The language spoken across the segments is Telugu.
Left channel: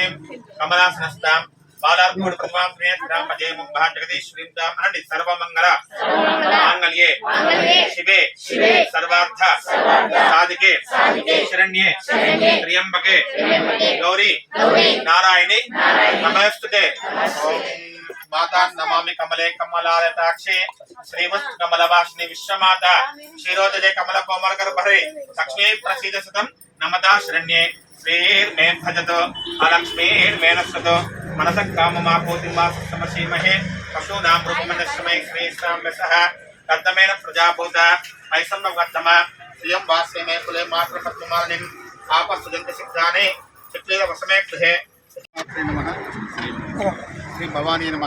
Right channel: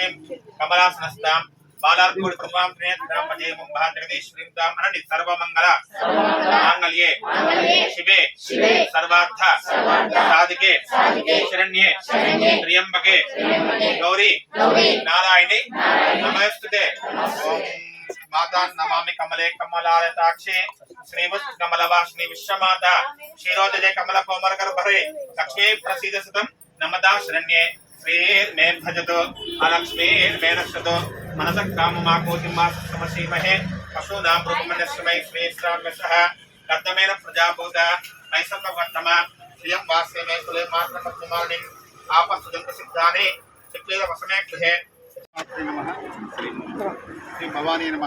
లక్ష్మీం కమలాసనస్తాం బాలార్పూడి ప్రతిమాం శ్రేయస్రాం పజేమం భా జగదీశ్వరీం తాం అనండి. సర్వమంగళ. మాంగళ్యే. శివే. సర్వార్థ. సాధికే. శరణ్యే. త్ర్యంబకే. గౌరీ. నారాయణి. నమస్తుతే ఓం మాతా నమామి కమలే కమలాలతాక్షి శ్రీమత్ కమలవాసిని విశ్వమాత. క్షీరోదయ కమల కోమల గర్భరే లక్ష్మీ ప్రసీద సుతం. నమదా శరణ్యే. శ్రీర్మే భజతు అలక్ష్మీర్మే నశ్వతు మనస కామమా కోతిమా సమసీమహే పశూనాం రూపమనశ్రమై శ్రీశ్రామ్య సహ కర్దమేన ప్రజాభూత మైసమ్మ వర్ధమ శ్రియం వాస్య మే కులే మాత్ర పద్మమాలిం ఆపస్సుదంత సిద్ధాని చిక్లీల వసమే గృహే శ్రీ నమ శ్రీ భవానీ నమ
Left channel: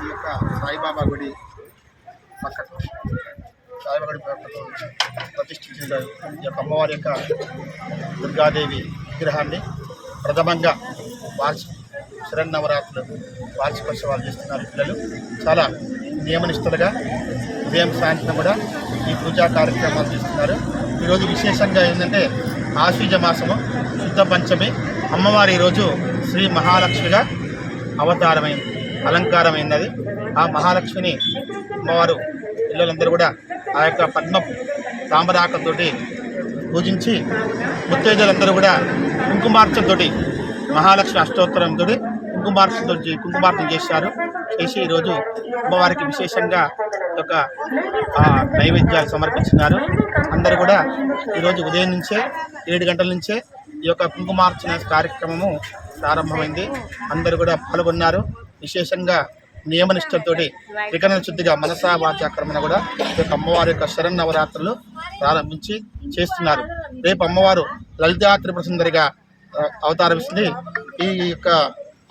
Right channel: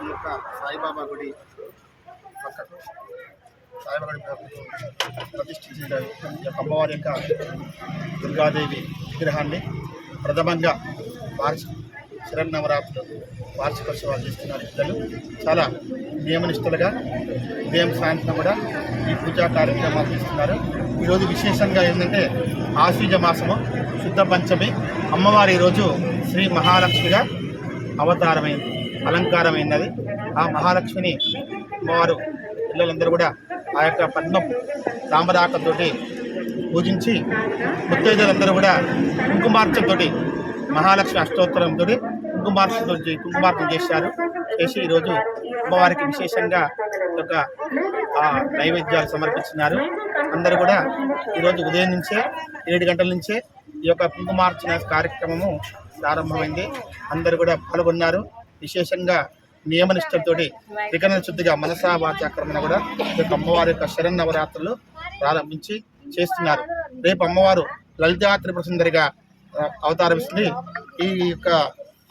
ఈ యొక్క సాయిబాబా గుడి పక్కకు సాయిబాబా ప్రతిష్ఠించిన ఈ యొక్క అమ్మవారి యొక్క దుర్గాదేవి విగ్రహాన్ని ప్రథమంగా వార్షిక శరన్నవరాత్రులు వార్షికోత్సవాలు చేస్తున్నారు పిల్లలు. చాలా నియమనిష్టలుగా ఉదయం సాయంత్రం కూడా ఈ పూజా కార్యక్రమాలు చేస్తున్నారు. ఈరోజు విశేషంగా ఏంటంటే ఆశ్వీజ మాసము శుద్ధ పంచమి అమ్మవారి ఈరోజు శ్రీ మహాలక్ష్మిగా అవతారమైంది అలంకారమైనది ఆ మహాలక్ష్మిని అమ్మవారు పిల్లలందరూ కూడా ఆ యొక్క పద్మ తామరాకతోటి పూజించి ముత్తైదులందరూ కూడా కుంకుమార్చంతో మహాలక్ష్మి అష్టోత్తరంతో కుంకుమార్చంతో కుంకుమార్చన చేశారు. చేసి ఈరోజు అమ్మవారికి విశేషంగా ఈ యొక్క నైవేద్యాలు సమర్పించినారు. అందరూ కూడా ఈరోజు ఉదయం నుంచే ఏడు గంటల నుంచే ఈ యొక్క కుంకుమార్చన కార్యక్రమము ప్రారంభమైంది. అందరూ కూడా పాల్గొన్నారు. విశేషంగా నియమనిష్టతో త్రికరణ శుద్ధిగా మనసా వాచాక్రమణ కూడా ఈ యొక్క అమ్మవారి యొక్క శరన్నవరాత్రులు ప్రారంభించి చేస్తున్నారు. రేపు అమ్మవారు లలితా త్రిపుర సుందరిగా అవతారమిస్తుంది. ఈ యొక్క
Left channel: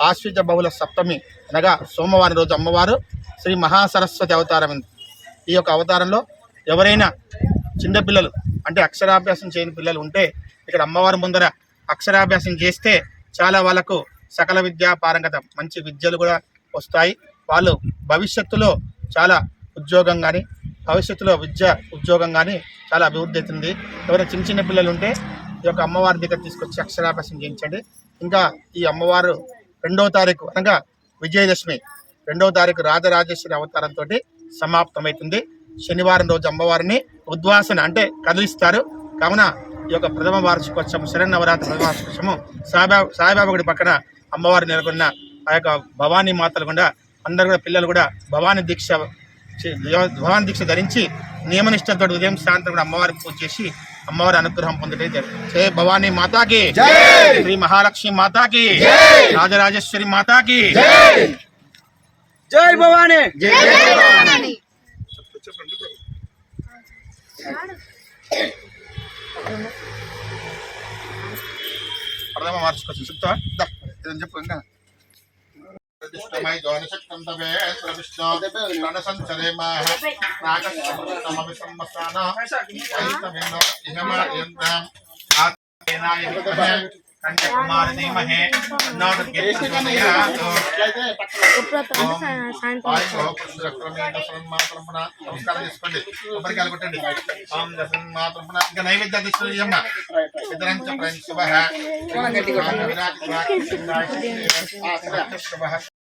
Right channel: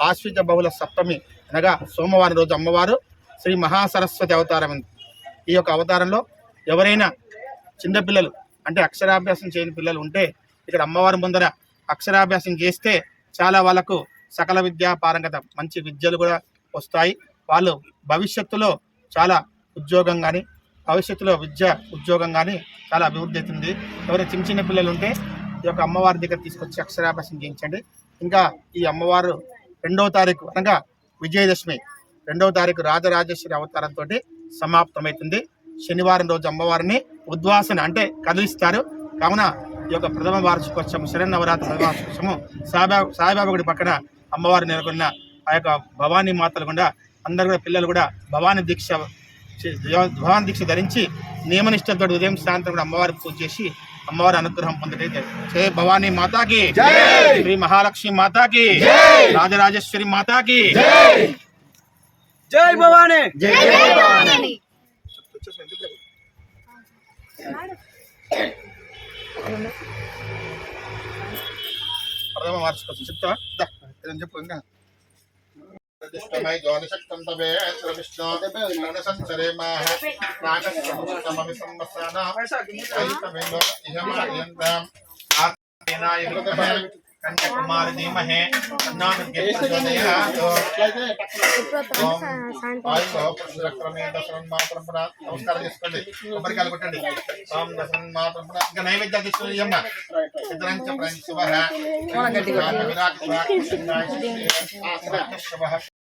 ఆశ్విత బహుళ సప్తమి అనగా సోమవారం రోజు అమ్మవారు శ్రీ మహాసరస్వతి అవతారం. ఈ యొక్క అవతారంలో ఎవరైనా చిన్నపిల్లలు అంటే అక్షరాభ్యాసం చేయని పిల్లలు ఉంటే ఇక్కడ అమ్మవారి ముందర అక్షరాభ్యాసం చేస్తే చాలా వాళ్ళకు సకల విద్యా పారంగత మంచి విద్యలు కూడా వస్తాయి. వాళ్ళు భవిష్యత్తులో చాలా ఉద్యోగం కానీ భవిష్యత్తులో విద్య ఉద్యోగం కానీ చాలా అభివృద్ధి అవుతుంది. ఎవరైనా చిన్న చిన్న పిల్లలు ఉంటే ఈ యొక్క అమ్మవారి దగ్గర తీసుకొచ్చి అక్షరాభ్యాసం చేయించండి. ఇంకా ఈ అమ్మవారు రెండవ తారీఖు అనగా విజయదశమి రెండవ తారీఖు రాజరాజేశ్వరి అవతారంతో సమాప్తమవుతుంది. శనివారం రోజు అమ్మవారిని ఉద్వాసన అంటే కదిలిస్తారు. కావున ఈ యొక్క ప్రథమ వార్షికోత్సవం శరణవరాత్రి ప్రథమ వార్షికోత్సవం సాయిబాబా సాయిబాబా గుడి పక్కన అమ్మవారు నెలకొన్న ఆ యొక్క భవానీ మాతలు కూడా అందరు కూడా పిల్లలు కూడా భవానీ దీక్ష భవానీ దీక్ష ధరించి నియమనిష్టంతో ఉదయం సాయంత్రం కూడా అమ్మవారికి పూజ చేసి అమ్మవారి అనుగ్రహం పొందటైతే జయ భవానీ మాతాకి. శ్రీ మహాలక్ష్మి మాతాకి. రాజరాజేశ్వరి మాతాకి. జై! భవానీ! ప్రథమ దా, ఏదైనా చెప్పు ఇంకా. ప్రతిష్టమై జ్యోతిషక్తం తవే విష్ణు రణసంచరేమాహ నాగస్తమవి సంవత్సరాణాం కన్యాకుమారి ధీమహే నమస్కారం. చేసుకోండి కొబ్బరికాయలు కొట్టండి మాత్రం ఇంకా నైవేద్యాలు అమ్మ శుభ విరాట్ శుభ